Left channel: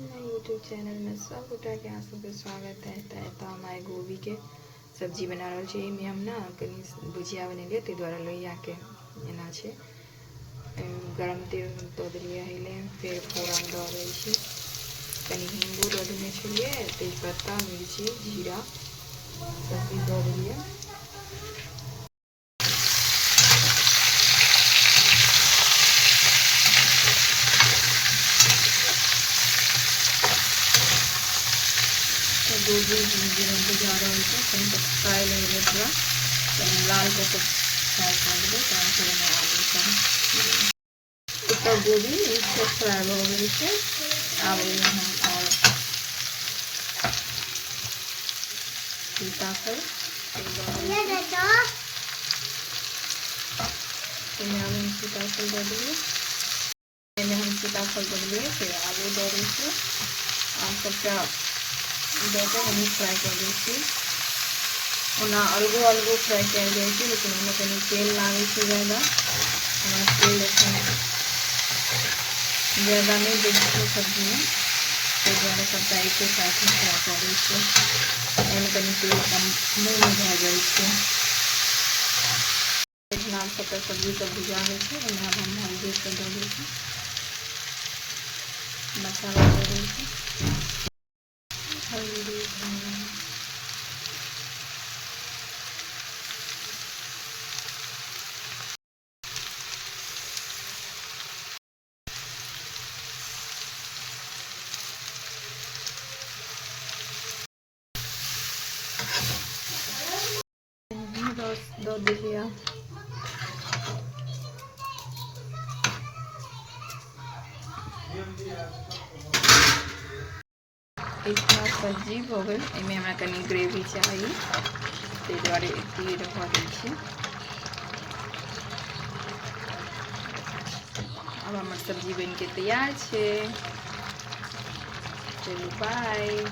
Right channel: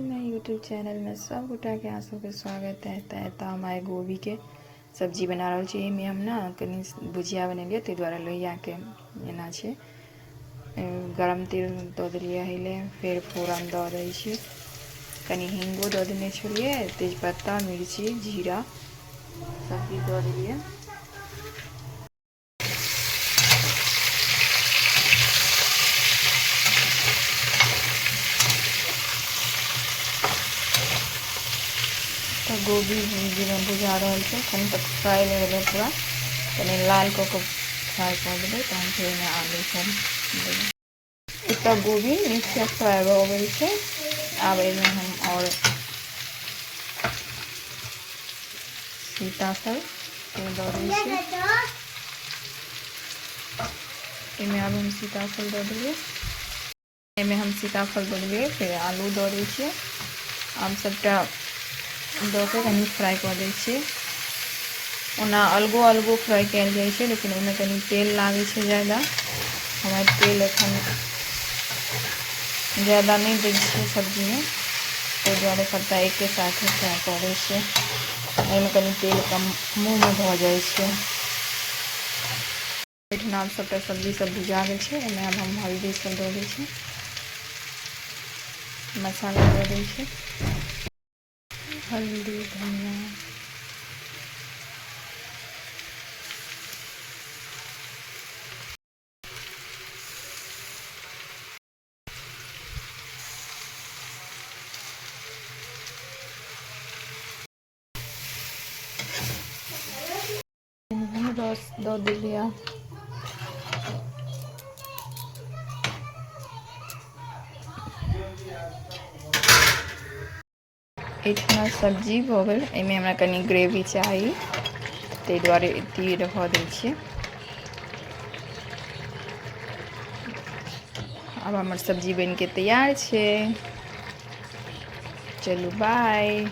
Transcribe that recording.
मैं YouTube channel में सब गोटा के अहाँ सबके स्वागत है। तो हम आइ गोभी के सब्जी बना रहल छी। एहिमे हम ना कनी भुजिया बनेलिए, ताहि दुआरे लोहिया के एना छै। गरम तेल दऽ देलिए हिले, फिर फोरन दऽ दै छी। कनी हिंगो दऽ देने छलिए, तेजपत्ता, मिर्ची, जीरा सब चीज दऽ देलिए। गोभी में बुझा रहा है, कहीं तक फ्राई लगे पूरा कहीं लाल को फ्राई कर देवे। तो हम फिर आलू सब ऊपर गोभी मिक्स फ्राई हो गई है। अब हम और सीताफल हम सीताफल दे दिए। हम सीताफल दे दिए, फिर आलू दऽ दै छियै। आब सबटा दऽ के कनी फ्राई कर दै छियै। ओना अलगो अलगो फ्राई कयल जाइ छै, लेकिन ओहिमे कनी तेल लागै छै ज़्यादा। हमरा तेल एखन ज़्यादा नहीं दै छियै सब्जी में, ताहि दुआरे सबटा एके साथे फ्राई करै छियै। एहिमे कनी तेल कम मुँह में भऽ जाइ छै। एहिठिना सबटा सब्जी सब भुजा गेल छै। एहिमे आब हम हल्दी सब दऽ दै छियै, मसाला दऽ दै छियै, हल्दी, धनिया, रस दऽ देलिए। इतना सब्जी हो गई। एहिमे हमरा कनी ग्रेवी चाही, ताहि दुआरे इतनी रखऽ दै छियै। अब हमर सब्जी बन के तैयार छै। चलू बाय।